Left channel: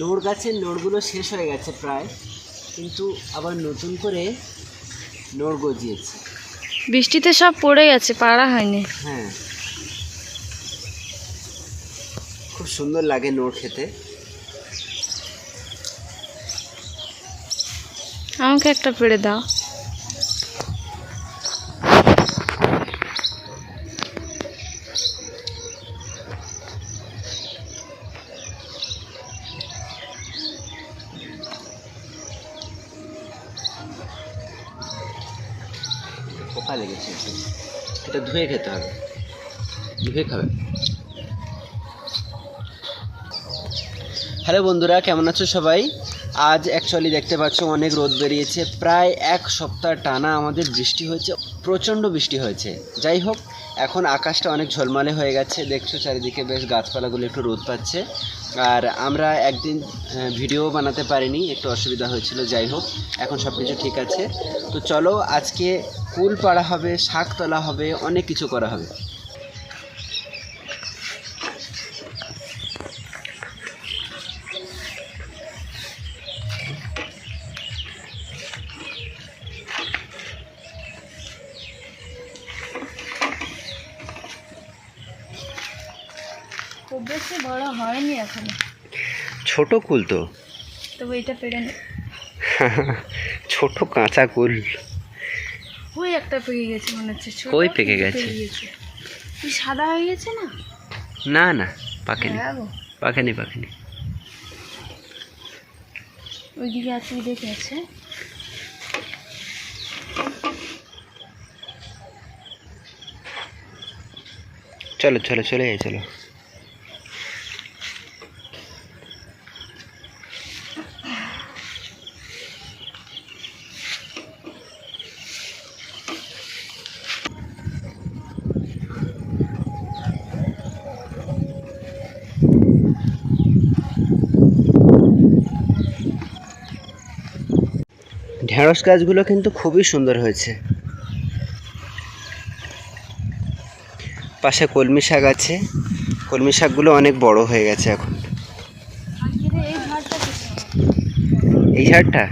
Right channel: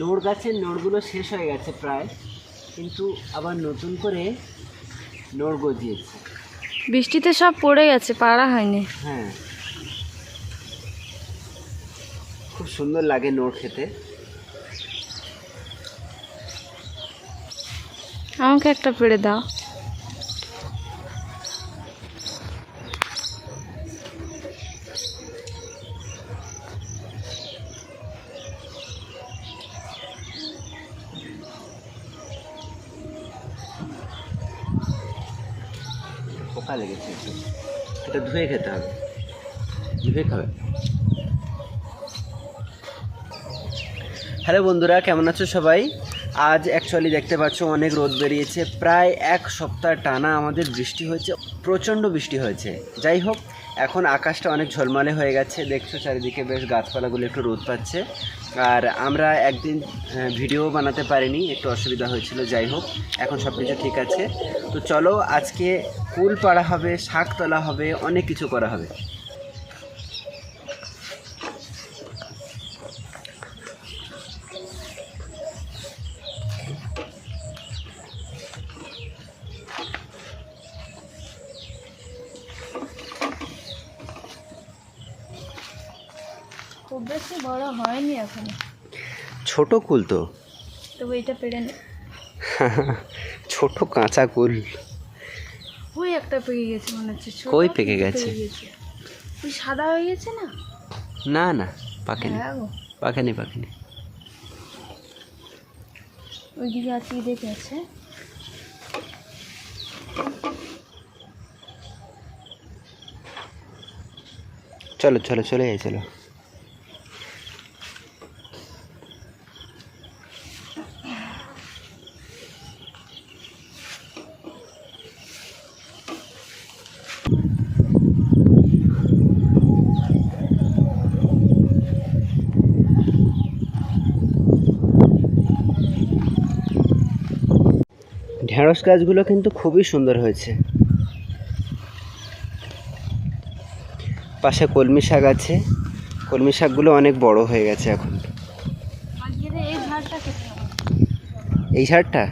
নোড় গাছের নোড়গুলো শেষ হয়ে গেছে প্রায়, কিন্তু আবার নতুন করে নোড় গজিয়েছে। বৃষ্টিতে সব পড়ে গেছে, পাড়া হয়নি। হ্যাঁ, খুব সুন্দর লাগে নোড় খেতে। আমাকে একটা পেড়ে দাও। পোকা লেগেছে, এটা ধুয়ে খেতে হবে, ধুয়ে খাবে। হ্যালো বন্ধুরা, কেমন আছো সবাই? আজ অ্যাকচুয়ালি দেখতে পাচ্ছ অনেক রোদ বেরিয়েছে, প্রায় এক সপ্তাহ টানা আমাদের বৃষ্টি হয়েছে, প্রচণ্ড বৃষ্টি হয়েছে। যাই হোক, এখন আকাশটা অনেক ঝলমলে হয়ে গেছে, দেখছো চারিদিকে বেশ গাছপালাগুলো একটু রোদ পাচ্ছে। আর আমরা একদিন ভিডিও বানাতে পারিনি, একটু অসুবিধা হয়েছিল। যাই হোক, এখন সব কিছু ঠিক আছে। তো চলো, আজকে কুল পাড়া হবে, শাক তোলা হবে, অনেক কিছু করা হবে। খুব বেশি বড় হয়নি এখনো, ছোট কুল তো, তবু এটা পেড়ে নে। ছোট কাঁচা কুল। ওই একটা পেকে গেছে মনে হচ্ছে। কই পেকে গেছে? ওই সাদা হয়ে গেছে না? না না, পাকেনি, হ্যাঁ গো, পাকেনি পাকেনি। ওইদিকে আছে, দেখে আছে। চলো চলো, চলে যাই, চলো। ঢেঁড়স গাছগুলো কিন্তু খুবই সুন্দর হয়েছে। পাশে কলমি শাক আছে, কলমি শাকগুলো অনেক বড় হয়ে গেছে এখন। এই ঝাড়টা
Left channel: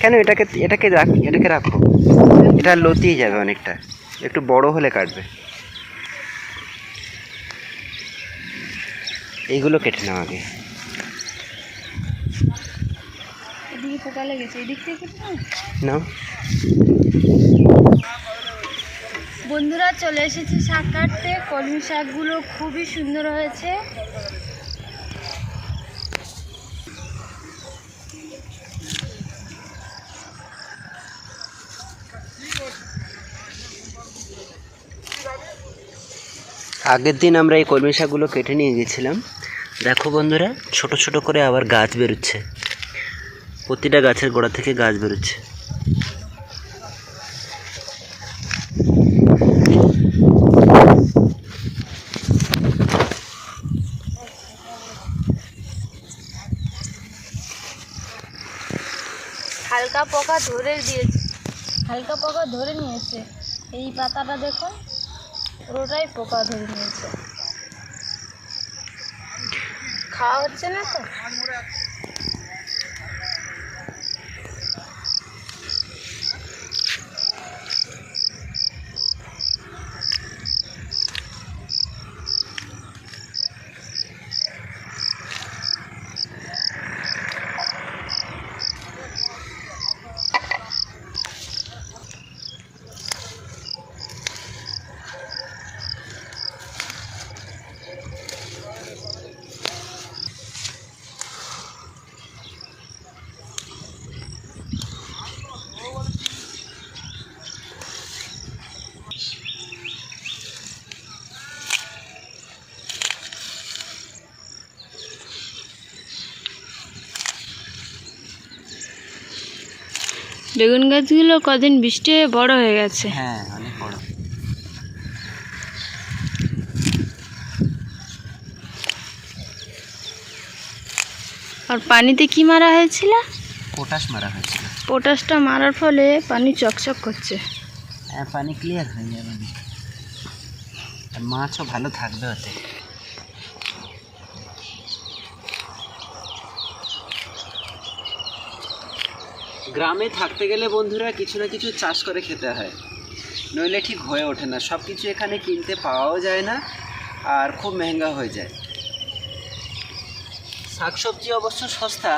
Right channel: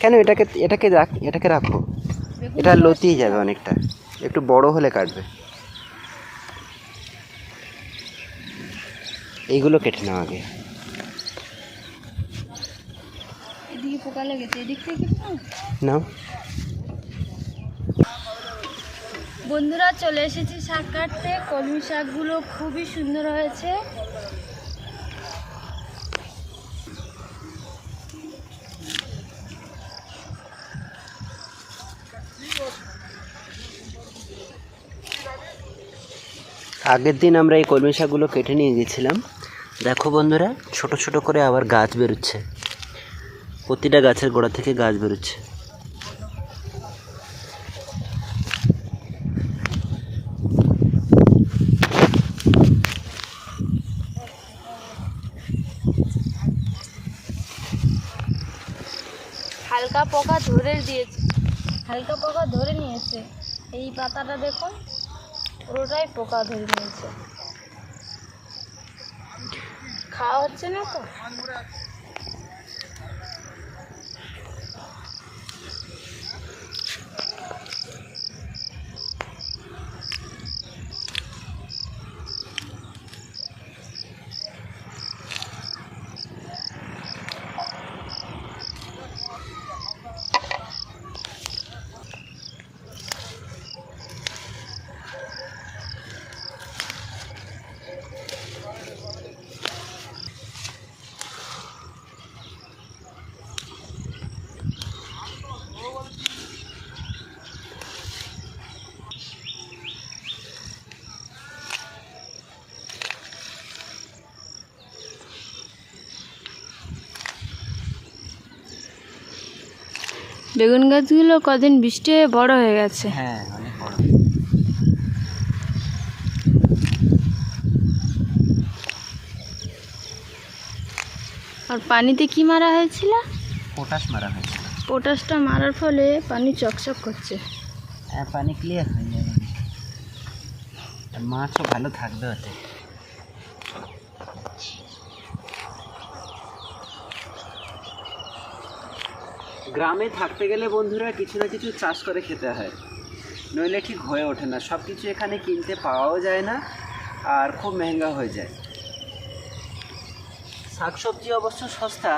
কেন? এটাকে রাখো, এটা লতিয়ে যাবে অনেকটা, একটু বড় হলে কাটবে। এইগুলো কেটে নাও আগে। এদিকে পোকা লেগেছে, এদিক থেকে নাও। বন্ধুরা, চলে এসেছি শাক কাটতে। কলমি শাকগুলো খুবই সুন্দর হয়েছে। আগের দিন আমরা এই কলমি শাকগুলো কেটে নিয়ে গেছিলাম। দেখো বন্ধুরা, ছোট ছোট করে আবার গাছ বেরোচ্ছে, প্রতিটা গাছের গোড়া থেকে গাছ বেরোচ্ছে। হালকা পোকা ধরে দিয়েছে, হালকা পোকা ধরে নিয়েছে। এই পাতাটা দেখুন, পুরোটাই পোকা ধরে নিয়েছে। খাওয়া হচ্ছে না তো। বেগুন গাছগুলো কদিন বৃষ্টি হয়ে বড় হয়ে গেছে। হ্যাঁ, অনেক বড়। আর পানিতে কি মারা হয়েছিল? পটাশ মারা হয়েছিল। পটাশটা মারার ফলে পানি চকচক করছে। হ্যাঁ, পানি ক্লিয়ার হয়ে যাবে, মাছও ভালো থাকবে ওতে। গ্রামে থাকতে গেলে বন্ধুরা কিছু না কিছু চাষ করে খেতে হয়, নইলে ঠিক হয়ে ওঠে না। সব কিছু এখানে কিনতে পাওয়াও যায় না, আর খুব মেহেঙ্গা হয়ে যায়। শাকসবজি অবশ্য সস্তা,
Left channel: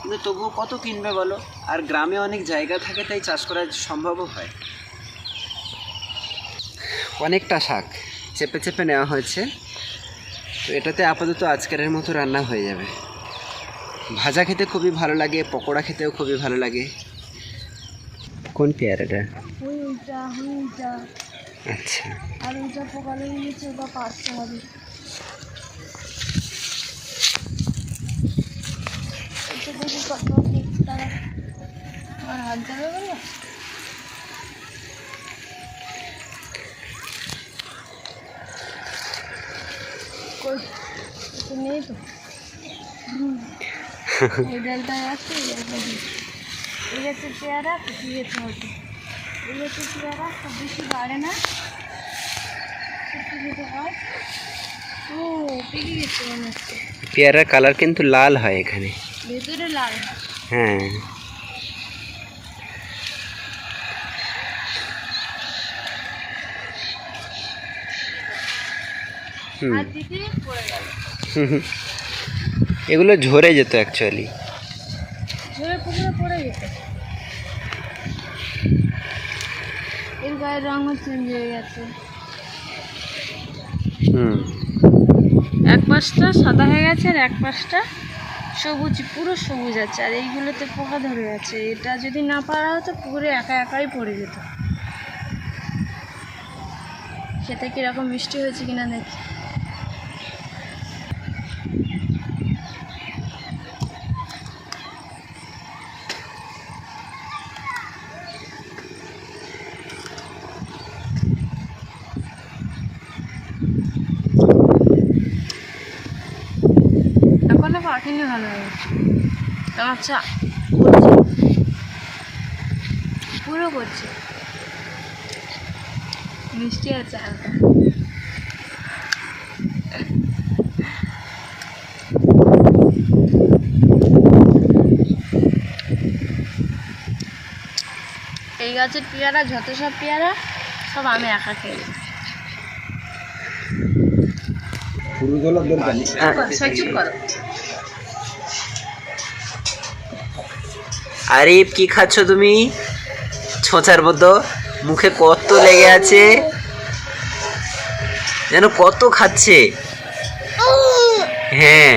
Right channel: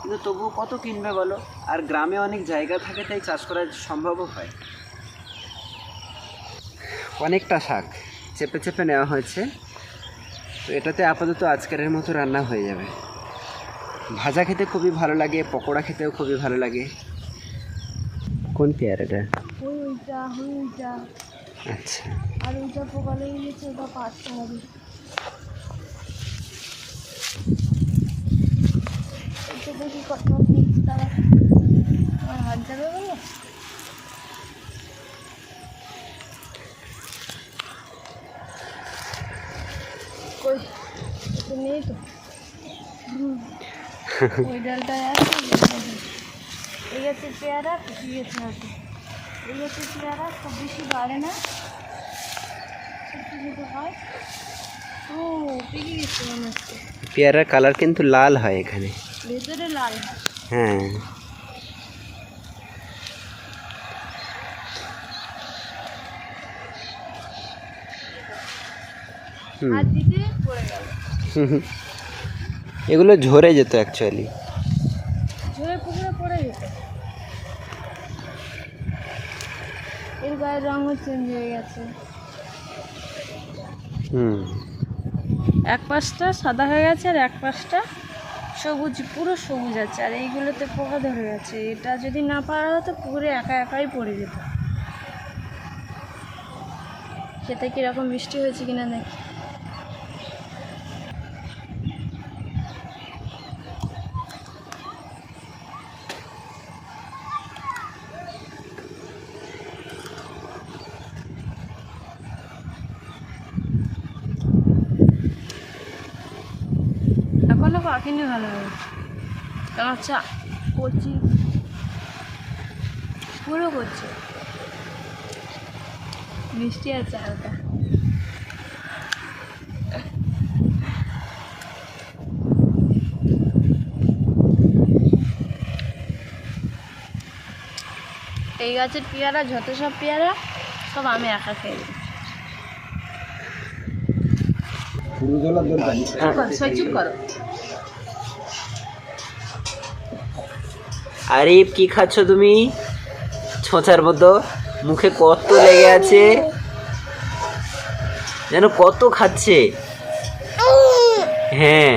কিন্তু তবুও কত কিনবে বলো। আর গ্রামে অনেক জায়গা থাকে, তাই চাষ করা সম্ভবও হয়। অনেকটা শাক চেপে চেপে নেওয়া হয়েছে, তো এটাতে আপাতত আজকের মতো রান্না হয়ে যাবে। ভাজা খেতে খুবই ভালো লাগে, পকোড়া খেতেও খুবই ভালো লাগে। কোন পেয়ারাটা? ওইটা আচ্ছা, আর ওইটা পোকা লেগে গেছে, ওটা পারতে হবে। এটা দেখি কত তারা আমার হাত যাবে বলো। কই তো নেই তো। ওই ডালটায় আছে, এই গাছের পেয়ারা পেকে গেছে হয়তো। এই গাছের পেয়ারা খুব বেশি বাড়ে না, ছোটো ছোটো হয়। ও পেকে গেছে মনে হচ্ছে। পেয়ারার কালার কিন্তু লাল হয় এখানে, ভেতরে লাল হয়। হ্যাঁ। আর দিতে পড়ে গেল। এগুলো ঝরে যেত অ্যাকচুয়ালি, ঝরে পুকুরে পড়ে যেত। এর গায়ের রঙও চেঞ্জ হয়ে গেছে। এক পাশটা সাদা হয়ে গেছে আর এক পাশটা সবুজ, পুরো সবুজ আছে। আর এইগুলোতে পোকা ধরে গেছে। এটা যদি না পারা হতো পুকুরে একা একাই পড়ে যেত। খেতে কীরকম মিষ্টি হয়েছে কিনা দেখি। এখনো পাখিনি ভালো হবে। আচ্ছা করছে, পুরো করছে, মিষ্টি আছে হালকা। এই গাছের পেয়ারা, যত সব পেয়ারা সব আমি একা খেয়ে দিই। আরিফ, কি খাচ্ছ তুমি? ছোঁচার মতো মুখে কত লেগে আছে, যেন কত খাচ্ছে। হ্যাঁ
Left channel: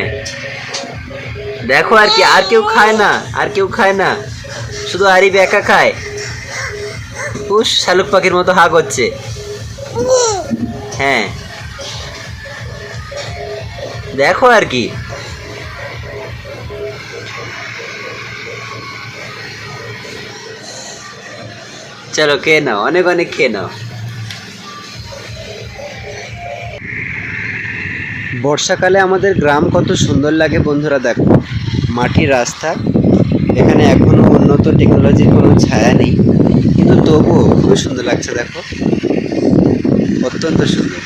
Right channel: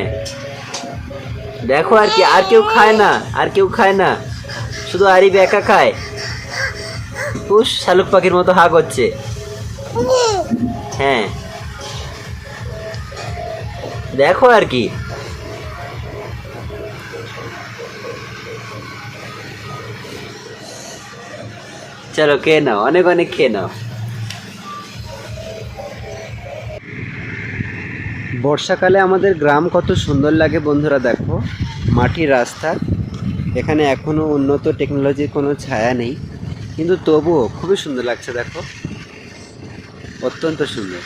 দেখো, আর কি, আর কেউ খায় না, আর কেউ খায় না, শুধু আরিফ একা খায়। উস, শালুক পাখির মতো হা করছে। হ্যাঁ দেখো আর কি। চলো খেয়ে নাও, অনেক অনেক খেয়ে নাও। বর্ষাকালে আমাদের গ্রাম কত সুন্দর লাগে বন্ধুরা। দেখো, মাটির রাস্তা, এখানে এখনো উন্নত টেকনোলজির কোনো ছায়া নেই, কিন্তু তবুও খুবই সুন্দর লাগছে। দেখো, অত্যন্ত সুন্দর,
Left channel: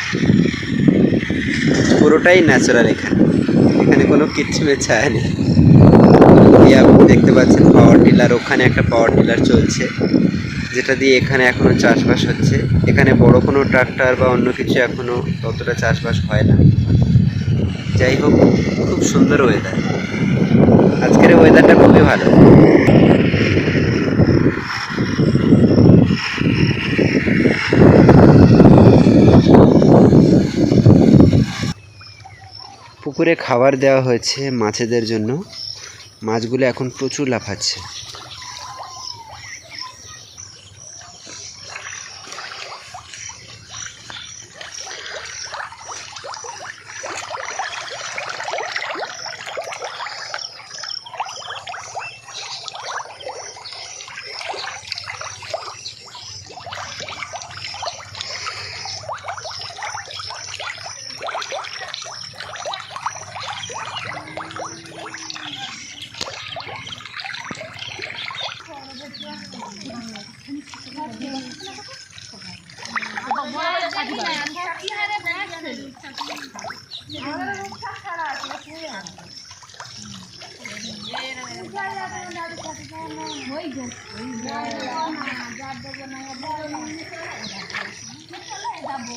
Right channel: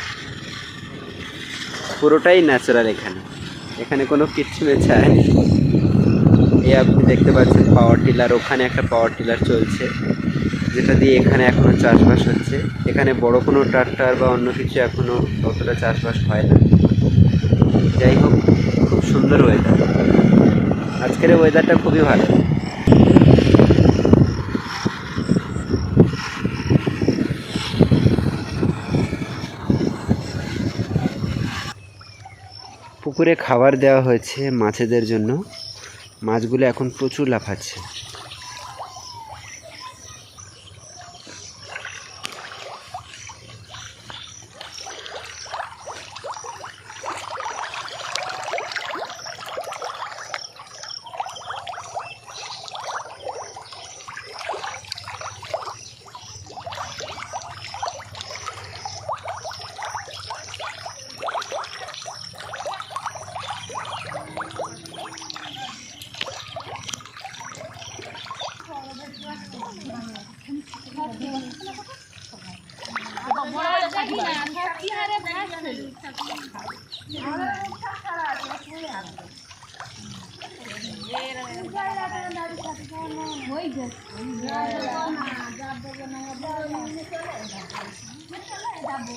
পুরোটাই ন্যাচারাল। এখানে এখানে কোনো কৃত্রিমের ছায়া নেই। এই আপনি দেখতে পাচ্ছেন পাওয়ার টিলার, ওখানে একটা পাওয়ার টিলার চলছে, যেটা দিয়ে এখানে এখনো চাষবাস হচ্ছে। এখানে বড় কোনো ট্রাক্টর বা অন্য কিছু এখনো ততটা চাষবাস হয় না। যাই হোক, খুব সুন্দর ওয়েদার, আজকের ওয়েদারটা খুবই ভালো। পুকুরে খাবার দেওয়া হয়েছে মাছেদের জন্য, মাছগুলো এখন প্রচুর লাফাচ্ছে। যাবো